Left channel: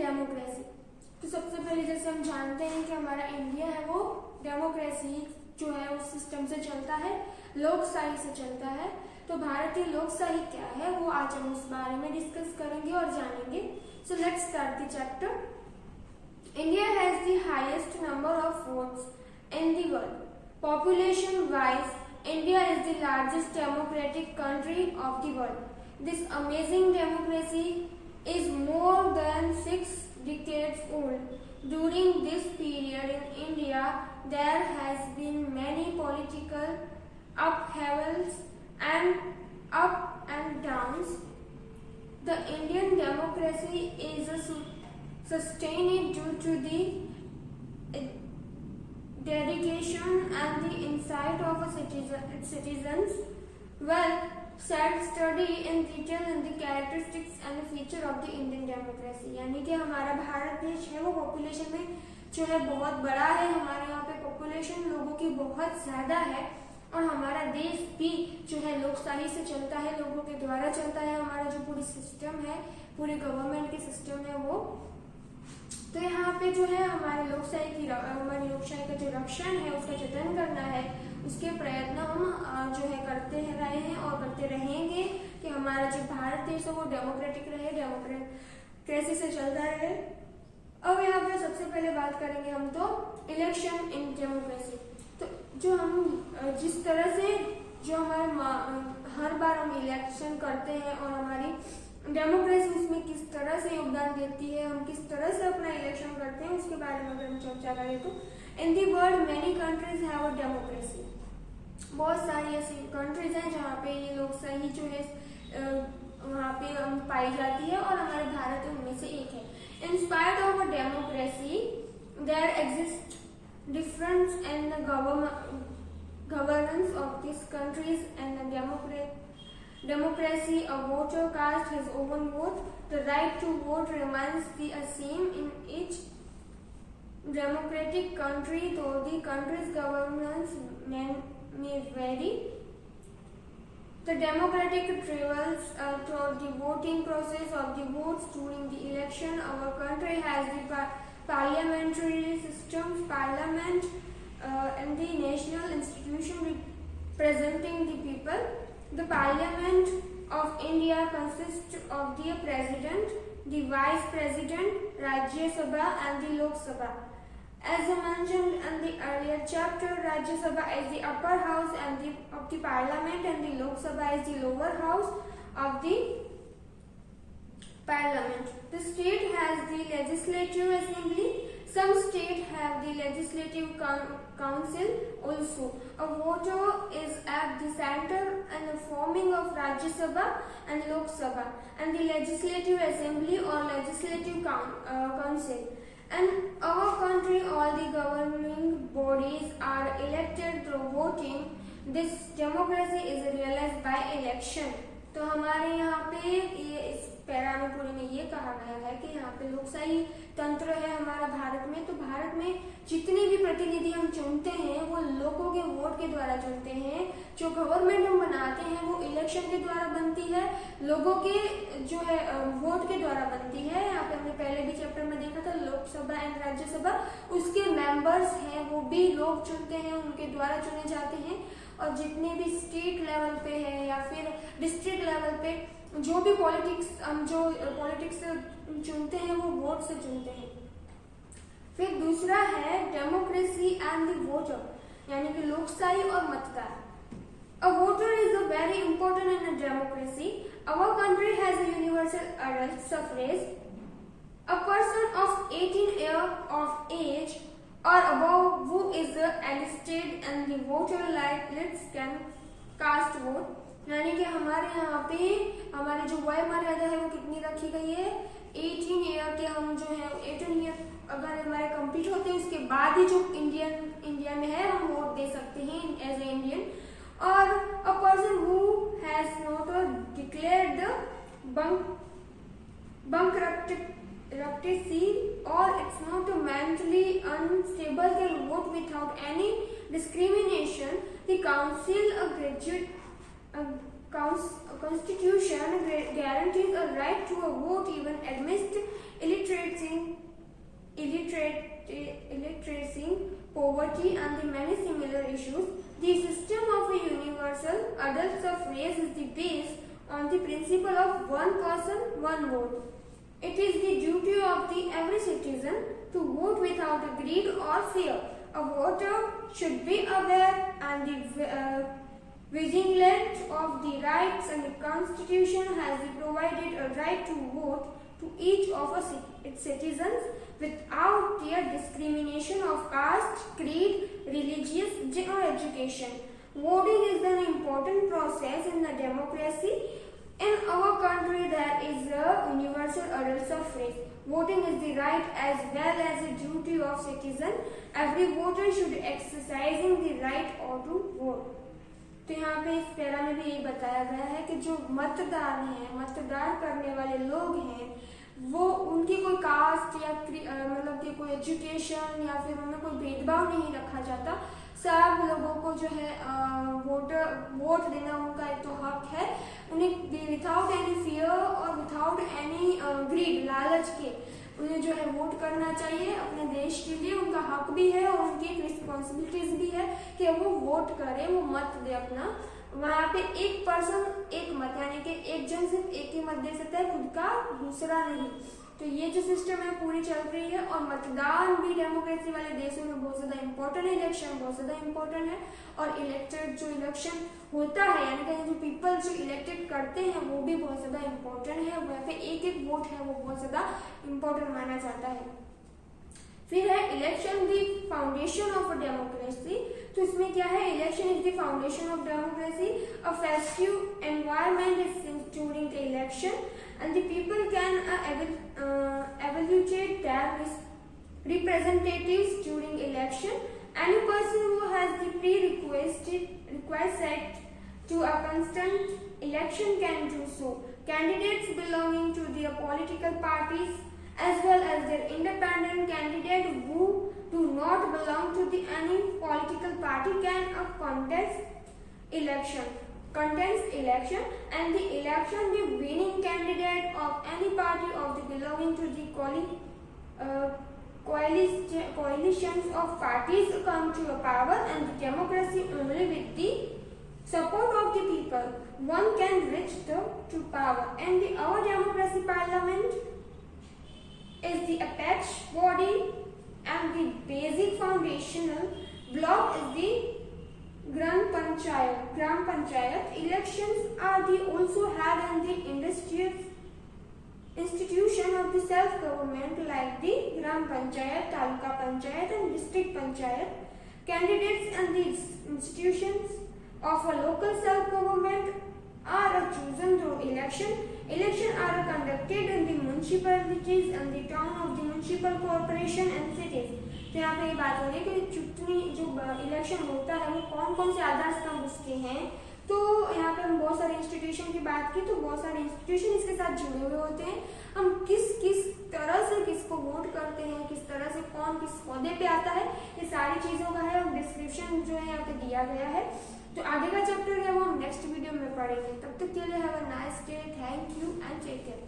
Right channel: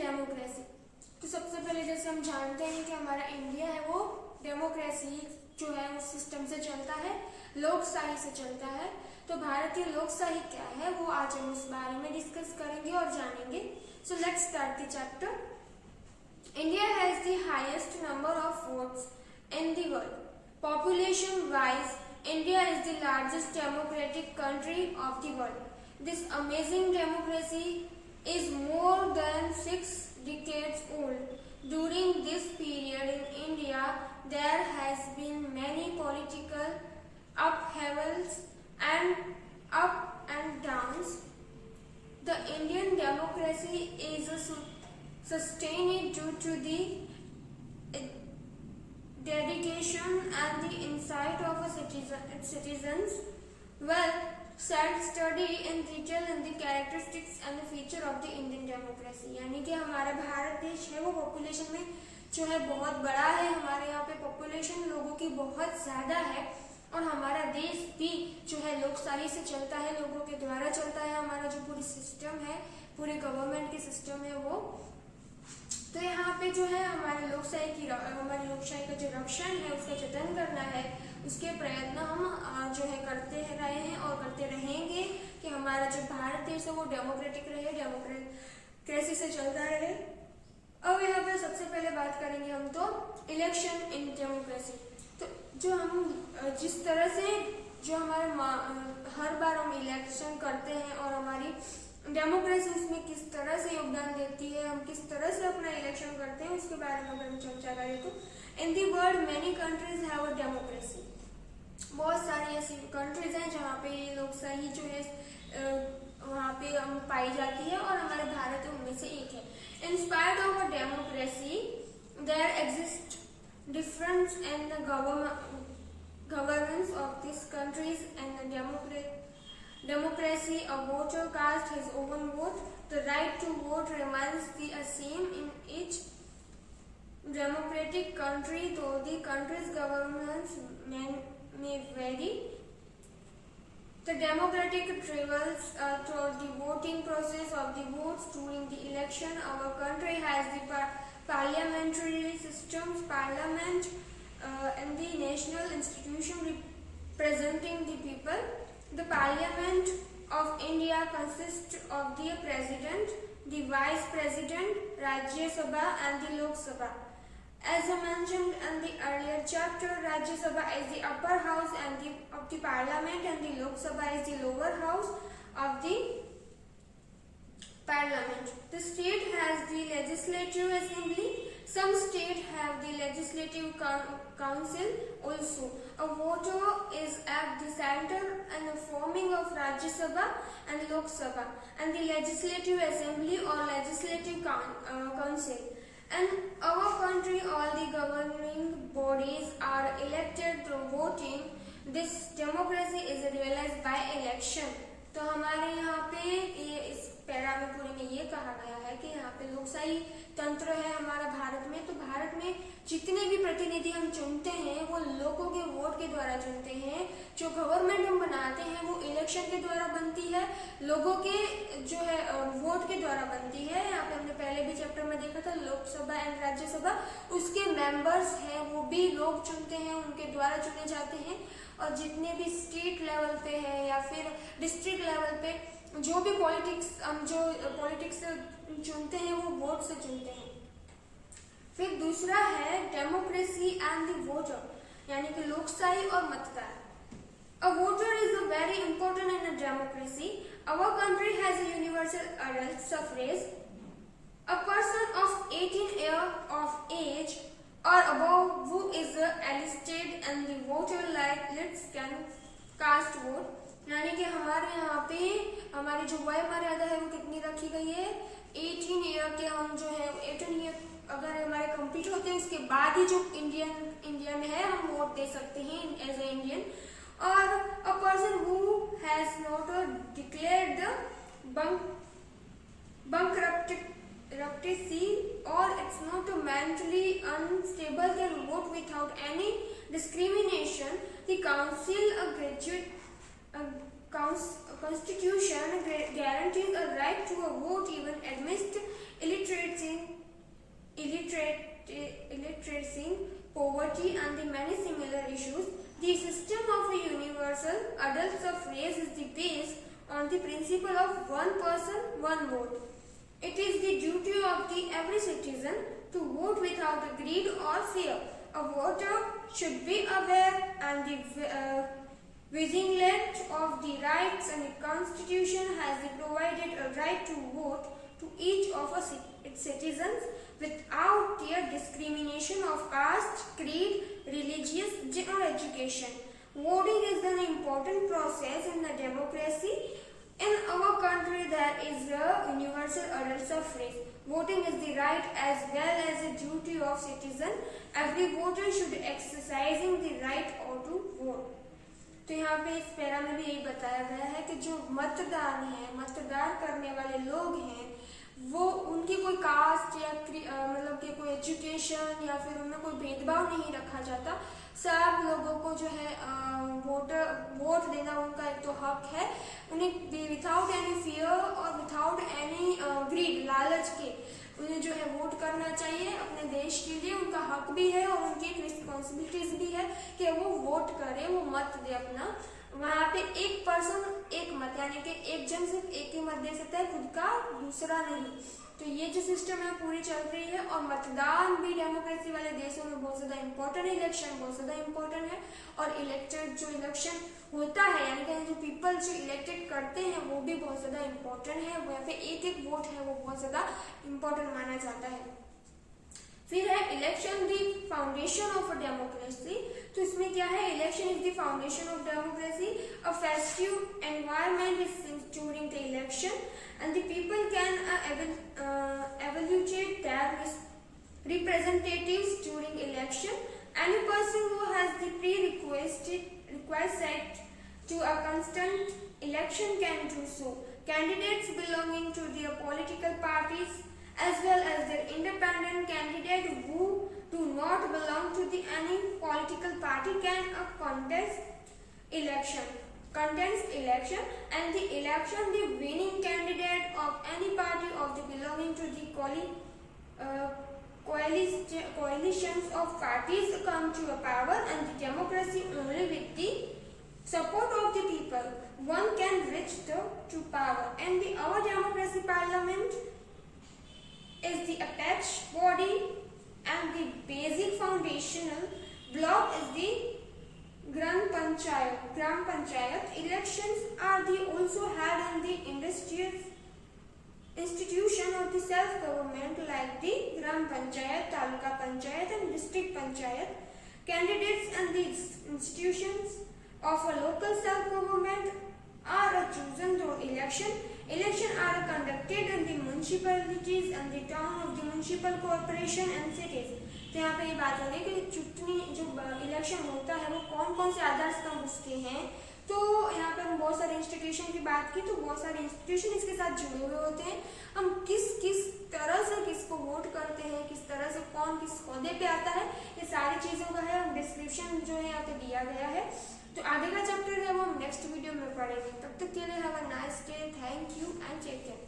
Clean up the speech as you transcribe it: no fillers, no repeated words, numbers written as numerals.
डेमोक्रेसी। तो सबसे पहले जैसे हम जानते हैं कि हमारा इंडिया है वो डेमोक्रेसी जो है उस सिस्टम से चलता है, लोकशाही से चलता है। तो भारतीय लोकशाही क्या है वो आज हम उस बारे में डिस्कस करेंगे और जानेंगे। So let's start the chapter. India has the highest number of votes in the world. Population wise India is the largest democratic country of the world. This amazing democracy is more than 6 decades old. During this period in India, there has been many political upheavals and up and downs. The Indian democracy is sustained due to the dedication and the insight of its citizens. Well, study in detail in the characteristics and the feature of the Indian democracy. यानी कि हमारा भारत देश है वो पॉपुलेशन में जो है बहुत बड़ा है। हमारे यहाँ पे पॉपुलेशन लोगों की बहुत ज्यादा है और हमारा देश भी जो है लोकशाही से चलता है, लोगों के द्वारा चलता है। हमारा जो पूरी सिस्टम है, पूरे गवर्नमेंट के सिस्टम है वो। तो यहाँ पे जो है हमारी लोकशाही का जो रक्षण है उसका जतन करना है, उसके प्रयत्न हम जो है करते रहे हैं और करते रहेंगे कि हमारा जो भारत देश है वो डेमोक्रेटिक रहे, डेमोक्रेसी से चलता रहे। अब यहाँ पे सबसे पहले बात करेंगे हम तो इलेक्शन इन डेमोक्रेसी। तो जो हम जिस तरह से जो हमारे हर बार हम इलेक्शन करते हैं और हमारी डेमोक्रेसी उसमें किस तरह से योगदान देती है, हम किस तरह से अपना इलेक्शन करते हैं, उसके बारे में अगर हम चर्चा करें तो in the world many countries have a democracy. बहुत सारी ऐसी कंट्रीज हैं जहाँ पे लोकशाही जो है वहाँ पे पाई जाती है और हमारे भारत उनमें से एक है। In spite of a democracy there exist difference in the governance of this countries and democracy, a voter casts his own vote. The right to vote remains the same in each democratic country, though the country's governments may vary. The democratic trials toward the voting process of the votes during the election. Our country has the parliamentary systems, parliament, and the national institution representing the people. The Parliament of India consists of the President, the Vice President, Rajya Sabha and the Lok Sabha. As I mentioned in the earlier chapter, Rajya Sabha is the upper house of the Parliament and the Lok Sabha is the lower house of the Parliament. The state has the Legislative Assembly. Some states have the Legislative Council also. A voter is at the center and the forming of Rajya Sabha and Lok Sabha and the Legislative Assembly or Legislative Council. In our country, all the governing bodies are elected through voting. This democracy is realized by election. तो हमारे यहाँ पे ये इस पैरा में पूरे में ये कहा गया है कि यहाँ पे लोकशाही तंत्र है हमारा भारत में। तो भारत में जितने भी प्रतिनिधि हम चुनते हैं वो लोगों के वोट के द्वारा चुनते हैं। जो गवर्नमेंट हम बनाते हैं वो इलेक्शन के द्वारा बनती है, लोगों के जो है वोट के द्वारा बनती है। यहाँ पे हमने पहले भी चैप्टर में देखा था लोकसभा एंड राज्यसभा, उसके मेंबर्स हैं वो भी लोग चुनते हैं, उनके द्वारा चुने जाते हैं। और जितने भी स्टेट लेवल पे है या फिर डिस्ट्रिक्ट लेवल पे जो भी पॉलिटिक्स चुनते हैं वो वोट से चुनते हैं। फिर दूसरा है डेमोक्रेसी एंड द वोटर, यानी कि लोकशाही और मतदान। A voter is a very important in a democracy. Our country has a universal adult suffrage. A person of 18 years of age or above who is enlisted and the voter lists can cast vote. यानी कि हमारे यहाँ पे हमारी जो वय मर्यादा है वो कितनी रखी गई है, 18 ईयर के हम जो है 18 ईयर अगर हमारे कंप्लीट होते हैं उसके बाद ही जो इंडियन है हम वोट दे सकते हैं एज ए इंडियन। और a person who has not declared the bankruptcy or it's not mentally unstable can vote without any discrimination. The constitution guarantees a right to a vote even amidst illiteracy poverty and the many similar issues, the system of a universal adult suffrage is based on the principle of one person, one vote. It is the duty of every citizen to vote without greed or fear. A voter should be aware and vigilant of the rights, and the Constitution has provided a right to vote to each of its citizens without their discrimination of caste, creed, religious or education. Voting is an important process in the democracy. In our country, there is a universal adult suffrage. Voting is the right as well as the duty of citizen. Every voter should exercising the right or to vote. तो यहाँ पे इस पैरा में भी ये बताया गया है कि जो मतदान है, मतदान करने वाले लोग हैं, वो उनकी कोई कास्ट या मतलब कि कोई एजुकेशन या फिर उनमें कोई भेदभाव नहीं रखा जाता। सब लोगों को जो है वोट देना उनका एक तो हक है। उन्हें विदाउट एनी फियर और विदाउट एनी ग्रीड, लालच के उन्हें जो है वोट करना चाहिए अपने देश के लिए। उनका हक भी है और उनकी एक रिस्पॉन्सिबिलिटीज भी है कि वो वोट करे, वो मत दे अपना। वहां पे एक पर्सन एक मत, यानी कि एक जन सिर्फ एक ही मत दे सकता है, खुद का, दूसरा नहीं। तो ये जो सिस्टम है पूरी चल रही है। और मतदान भी डेमोक्रेसी वाले देशों में बहुत ज्यादा इंपॉर्टेंट है, इलेक्शन बहुत ज्यादा इंपॉर्टेंट है। और इलेक्टेड जो इलेक्शन होता है, यानी कि जो पीपल जो इलेक्टेड करते हैं वो भी बहुत ज्यादा इंपॉर्टेंट है। वहाँ पे एक एक वोट है वो बहुत ज्यादा इंपॉर्टेंट माना जाता है। फिर है election the foundation of democracy. तो इसमें क्या है, election is the foundation of democracy. A festive environment is during the election and the people can evaluate their representatives during election. Any person who has the prerequisite to a constant election can do so. Candidates belonging to their political parties as well as their independent candidate who do not belong to any political party can contest election, and the election the winning candidate of any party of the belonging to the coalitions of parties come to a power, and the democracy only with the support of the people one can reach to power. And our democracy parliament is the apex body, and the basic foundational block is the Gram Panchayat. Elections are also held in the institution of the self-government like the Gram Panchayat, Taluka Panchayat and District Panchayat. Candidates and the institutions of a local self-government are chosen through election. Elections are conducted in the municipalities and the town of the municipal corporation and cities. तो यहाँ पे ये बात हो रही है कि चुनावी जो इलेक्शन होता है वो कौन कौन से आधार स्तंभ उसके हैं। तो यहाँ पर हम बहुत सारे इंस्टीट्यूशन की बात की, तो बहुत सारे इंस्टीट्यूशन इसके साथ जुड़े हुए होते हैं। हम किस तरह से किसको वोट करते हैं, किस तरह से कौन किस ओहदे पे आता है, ये सारी चीज़ों का है डिस्क्रिप्शन जो है यहाँ पे दिया गया है। तो आगे का चैप्टर है वो हम नेक्स्ट वीडियो में पढ़ेंगे। तब तक के लिए have a nice day, thank you and take care.